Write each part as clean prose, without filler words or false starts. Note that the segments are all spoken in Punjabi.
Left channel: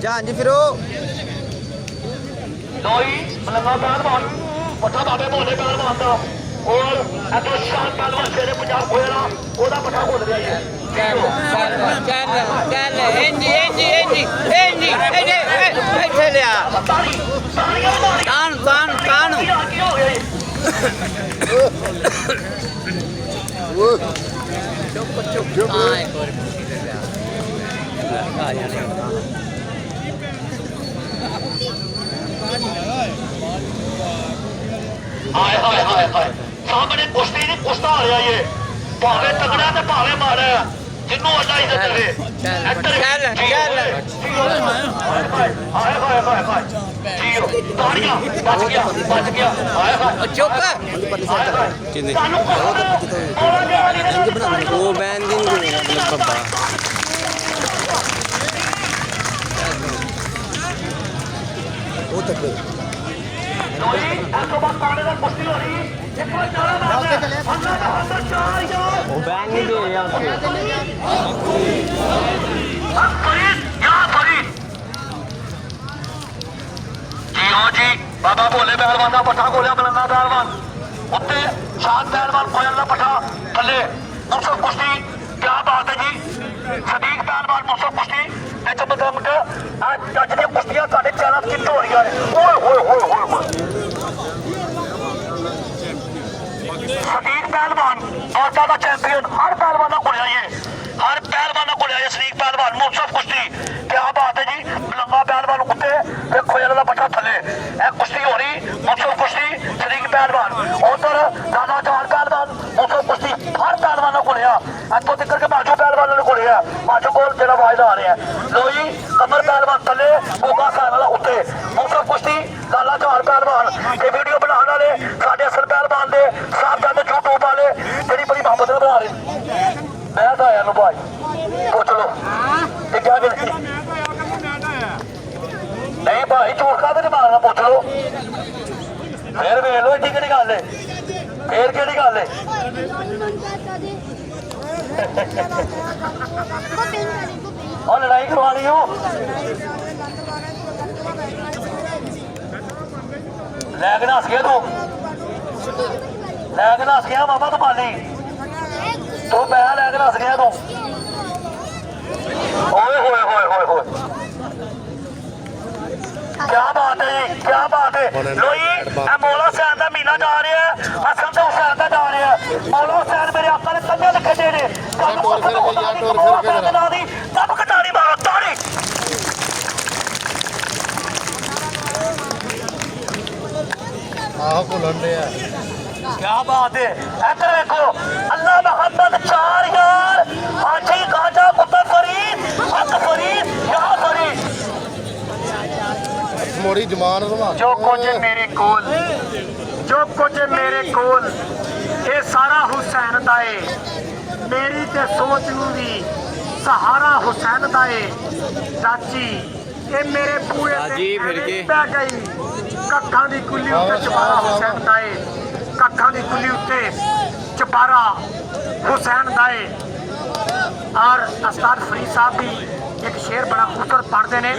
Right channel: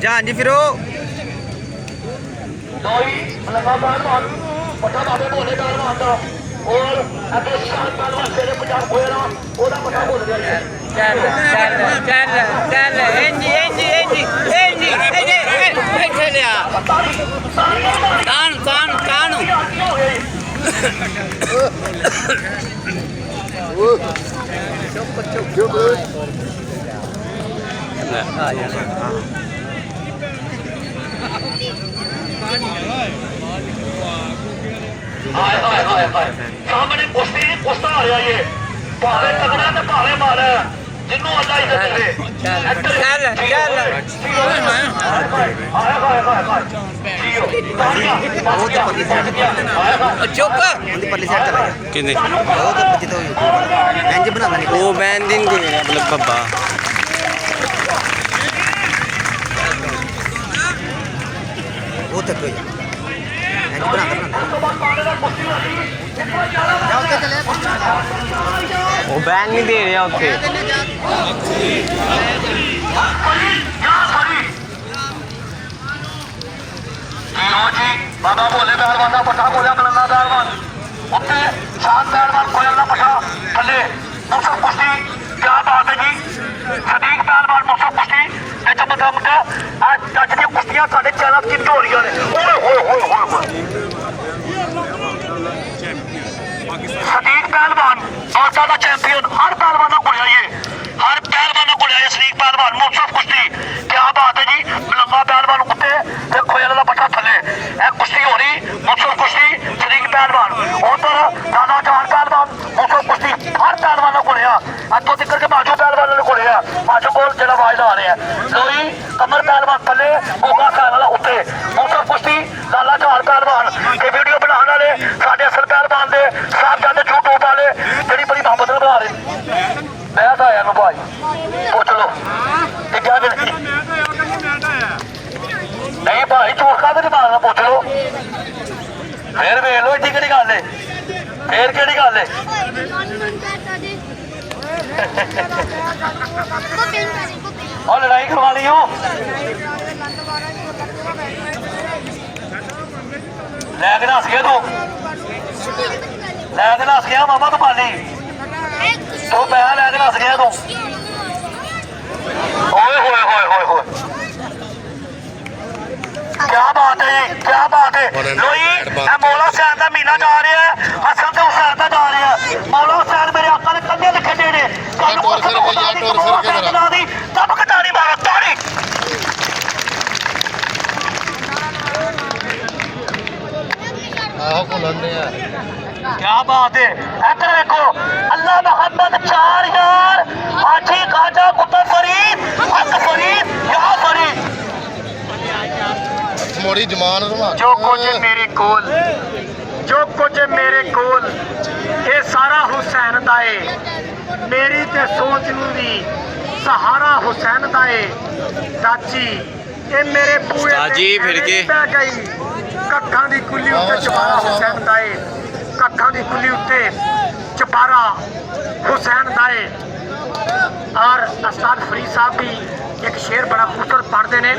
ਜਾਨ ਜੀ ਫਿਰੋ ਲੋਈ ਮਲੰਗਾ ਪਹਿਲਵਾਨ ਪੱਠਾ ਬਾਬੇ ਭੋਲੇ ਪਹਿਲਵਾਨ ਦਾ ਔਰ ਅੱਗੇ ਸ਼ਾਨ ਪਹਿਲਵਾਨ ਸ਼ੇਰੇ ਪੰਜਾਬ ਹੋਇਆ ਉਹਦਾ ਪੱਠਾ ਭੁੱਲ ਗਿਆ ਚੱਲ ਇੰਜੀ ਇੱਥੇ ਲਿਆ ਤਾਨ ਹਾਏ ਸਾਹਮਣੇ ਕੁਸ਼ਤੀ ਨਹੀਂ ਕੁਸ਼ਤਾ ਆ ਰਿਹਾ ਇਹ ਭਾਵੇਂ ਤਗੜਾ ਤੇ ਭਾਵੇਂ ਮਾੜਾ ਜਿੰਨੂੰ ਅੱਲਾ ਇੱਜ਼ਤ ਦੇਵੇ ਕਿੰਨੇ ਉਹ ਬੈਨ ਦਿਨ ਕੋਈ ਮਤਲਬ ਬੱਬਾ ਉਹ ਤੱਕ ਕੋਈ ਉਹ ਬੈਨ ਨਹੀਂ ਦੇ ਰਿਹਾ ਉੱਥੇ ਬਾਬਾ ਭੋਲੇ ਪਹਿਲਵਾਨ ਦਾ ਪੱਠਾ ਖੋਲਿਆ ਮਲੰਗਾ ਪਹਿਲਵਾਨ ਉੱਤੇ ਸ਼ਾਨ ਪਹਿਲਵਾਨ ਖੋਲਣ ਦਾ ਪੱਠਾ ਥੱਲੇ ਮੁਸਕ ਕੁਸ਼ਤੀ ਕਿਆ ਬਾਤ ਹੈ ਜੀ ਸਦੀਕ ਪਹਿਲਵਾਨ ਮੁਸਕ ਕੁਸ਼ਤੀ ਇਹ ਤਾਂ ਮਤਲਬ ਅੱਜ ਦੀਆਂ ਕੁਸ਼ਤੀਆਂ ਸਾਡੇ ਚੈਨਲ ਤੇ ਹੋ ਰਹੀਆਂ ਨੇ ਓਏ ਸਦੀਕ ਪਹਿਲਵਾਨ ਆਸਾ ਦਾ ਚੈਂਪੀਅਨ ਹਰ ਪਹਿਲਵਾਨ ਕੋਲ ਆਈਏ ਸਦੀਕ ਪਹਿਲਵਾਨ ਮੁਸਕ ਕੁਸ਼ਤੀ ਕਿਆ ਬਾਤ ਹੈ ਜੀ ਮਲੰਗਾ ਪਹਿਲਵਾਨ ਉੱਤੇ ਤੇ ਖੋਇਲ ਦਾ ਪੱਠਾ ਥੱਲੇ ਇਹ ਕੁਸ਼ਤੀ ਹੋ ਰਹੀ ਮੁਸਕ ਕੁਸ਼ਤੀ ਸਦੀਕ ਪਹਿਲਵਾਨ ਉਧਰ ਦਾਦਾ ਜਾਨ ਪਹਿਲਵਾਨ ਮੁਸਕ ਕੁਸ਼ਤੀ ਹਰ ਪਹਿਲਵਾਨਾਂ ਕੋਲ ਆ ਇੱਥੋਂ ਤੱਕ ਕਿ ਬਾਜੂ ਪਹਿਲਵਾਨਾਂ ਦੇ ਕੋਲ ਆ ਬਾਜੂ ਕੋਲ ਜਿਹੜਾ ਆਵਾਜ਼ ਆ ਰਿਹਾ ਲੋਈ ਕਮਰ ਪਹਿਲਵਾਨ ਥੱਲੇ ਮੋਗਾ ਸਾਹਿਬ ਵਾਲਾ ਉੱਤੇ ਮੁਸਕ ਕੁਸ਼ਤੀ ਦਾਦਾ ਜਾਨ ਪਹਿਲਵਾਨ ਇਹ ਵੀਡੀਓ ਬਣਾਉਣ ਵਾਲੇ ਸਾਡੇ ਅਸਲ ਪਹਿਲਵਾਨ ਦੇ ਸਾਹਿਬਜ਼ਾਦੇ YouTube ਵਾਲੇ ਜਿਹੜੀ ਬੜੀ ਮੁਹੱਬਤ ਨਾਲ ਬਣਾ ਰਹੇ ਮੈਂ ਤਾਂ ਆਇਆ ਨੂੰ ਭਾਈ ਪੁੱਛ ਲੋ ਇਹ ਕਿਆ ਗੱਲ ਸੀ ਨਹੀਂ ਭਾਈ ਝੂਠ ਕਾਹਦੇ ਨਹੀਂ ਮਾਰਨਾ ਪੁੱਛ ਲੋ ਫੇਰ ਵੇਖ ਲੋ ਇੱਡੀ ਕਿਹੜੀ ਗੱਲ ਏ ਫੇਰ ਕਿਹੜੀ ਗੱਲ ਏ ਉਹ ਲੜਾਈ ਕਰਵਾ ਲਈ ਹੋ ਲੈ ਕੇ ਨੱਸ ਗਿਆ ਤੂੰ ਲੈ ਕੇ ਨੱਸ ਗਿਆ ਮਾਮਾ ਤੂੰ ਪਾਲੀ ਤੂੰ ਪੈਸਾ ਲੈ ਕੇ ਨੱਸ ਗਿਆ ਤੂੰ ਓਏ क्या बात है क्या बात है लोई मौला हुसैन का महीना जा रहा है हसन तो हुसैन का जा रहा है मौला हुसैन मेरे आका ने कंधे लिखे दे ने सब कटारी मारो ताड़ी क्या बात है इधर देखो अल्लाह मोहम्मद 4 यार आठी खाजा कुतुब फरीद हक फरीद या फरीद मोरी जमान जो कुछ मेरे कोल ये सारा हुसैन दा है मेरी ते सोच दी सहारा हुसैन दा है चाची ये मेरे पूरे जी फिर के गई कक्खां दी कुली उत्ते चपारा हुसैन दा है कक्खां दी कुली उत्ते चपारा हुसैन दा है और उस्ताद फरीद साहब भी एक शेर बड़ा खूबसूरत पढ़ते हैं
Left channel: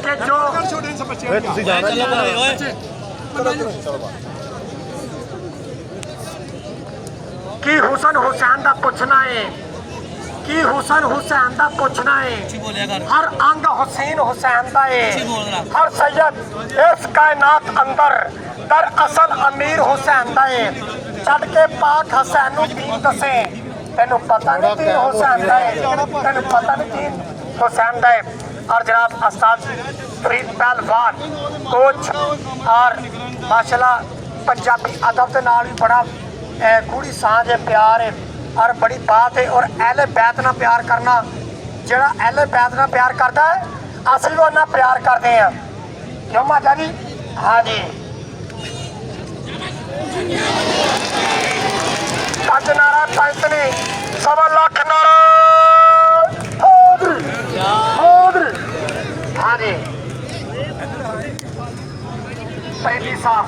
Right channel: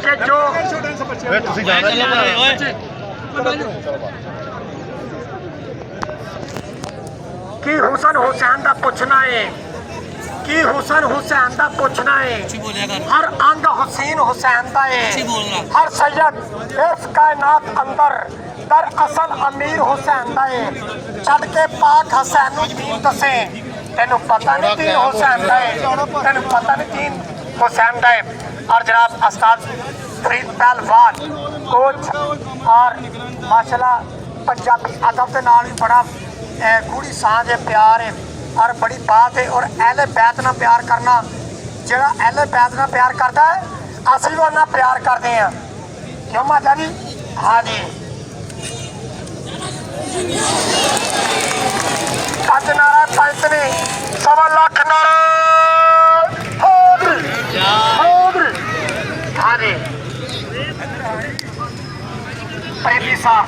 कि जो कि हुसन हुसैन दा पूछना है कि हुसन हुसैन दा पूछना है हर अंग हुसैन हुसैन दा है हर सैयद इस कायनात अंदर दर असल अमीर हुसैन दा है छड़ के पाक हुसैन नु दीन दसे तेनू पता नहीं दीन हुसैन दा है तेनू पता नहीं दीन हुसैन दा है और जनाब उस्ताद फरीद पहलवान कोच और माशाल्लाह पंजाबी अदब के नाल भी बड़ा गूढ़ी सांझ है प्यार है और बड़ी बात है और अहले बैत नाल प्यार करना जिहड़ा अहले बैत नाल प्यार करता है असीं भी उन्हां प्यार करते हैं क्यों माता जी हाँ जी पंज नारा पंच ने 1.25 लाख नारा हाँ जी पहली साहब